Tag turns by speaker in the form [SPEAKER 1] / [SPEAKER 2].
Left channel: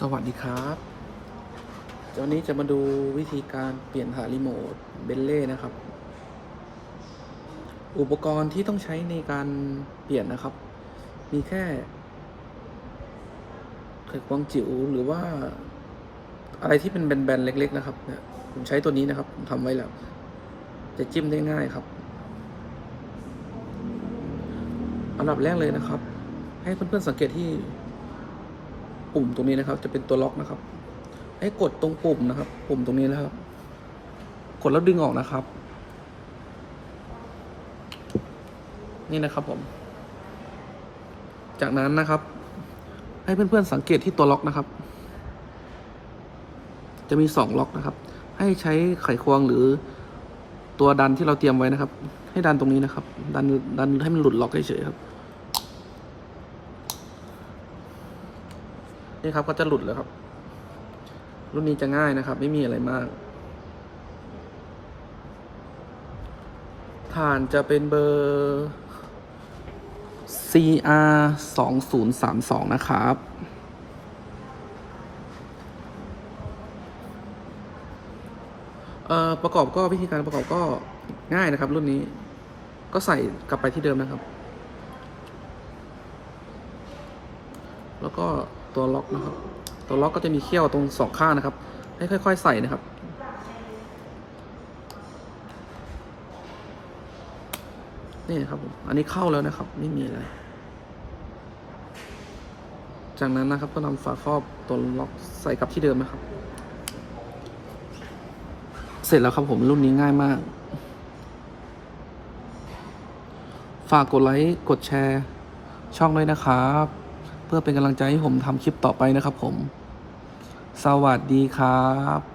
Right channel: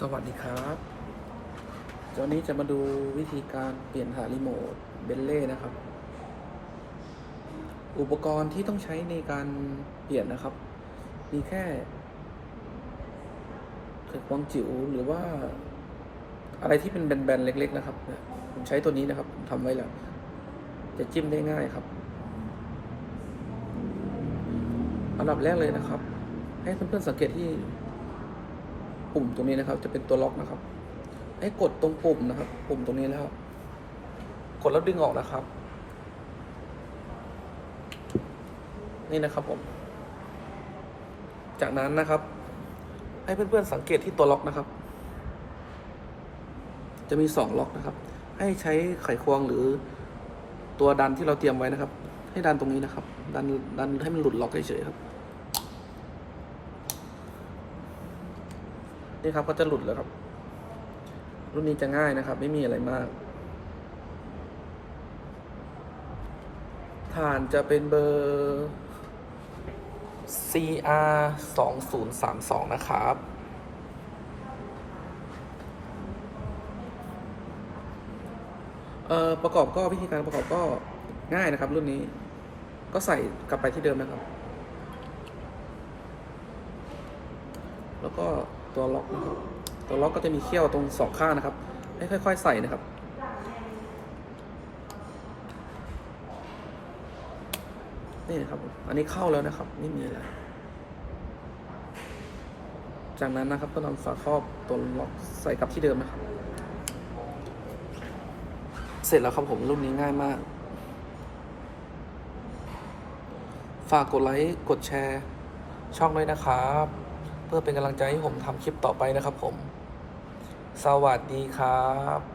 [SPEAKER 1] สวัสดีครับเจ้านี้จะมาดูวิธีการเปลี่ยนถ่ายรีโมทเบลเล่นะครับ อุปกรณ์ที่ต้องใช้ในการเปลี่ยนนะครับ มีแค่ไขควงจิ๋วหรือว่า อะไรที่เป็นแบนๆเล็ก ๆ นะครับ เนี่ย ผมใช้ตัวนี้นะครับ ผมทำไว้แล้ว จะจิ้มได้ง่ายครับอันดับแรกเลยนะครับ ให้เพื่อนๆสังเกตที่ ปุ่มตรงนี้นะครับ จะเป็นตัวล็อกนะครับ ให้กดตรงปุ่มนะครับ ปุ่มตรงนี้นะครับ กดแล้วดึงออกนะครับ นี่นะครับผม จากนั้นนะครับ ให้เพื่อนๆสังเกตที่ตัวล็อกนะครับ จะมีสองล็อกนะครับ ให้ใช้ไขควงหรือตัวดันที่เราเตรียมไว้นะครับ ให้ดันตรงนี้นะครับ ดันดันให้มันหลุดล็อกเฉยๆครับ นี่ครับก็จะหลุดแล้วครับ รุ่นนี้จะง่ายนะครับ ไม่มีอะไรมากผ่านจะเป็นเบอร์ CR 2 0 3 2 นะครับ เอ่อ ประกอบก็วิธีการประกอบก็ง่ายนะครับ รุ่นนี้ ก็ใส่กลับไปที่เดิมนะครับ แล้วก็ ตัวล็อกนะครับตัวล็อกก็จะมีเขี้ยวตรงสองข้างนะครับ ให้ค่อย ๆ ใส่นะครับ นี่ครับ อันนี้เข้าแล้วนะครับ ไม่มีอะไรจากนั้นนะครับก็นำฝาครอบตัวล็อกใส่กลับที่เดิมนะครับ เสร็จแล้วครับผมรุ่นนี้ง่ายมาก ฝากกดไลค์กดแชร์ ช่องเลยนะครับ เพื่อเป็นกำลังใจให้ผมทำคลิปต่อไปนะครับผม สวัสดีครับ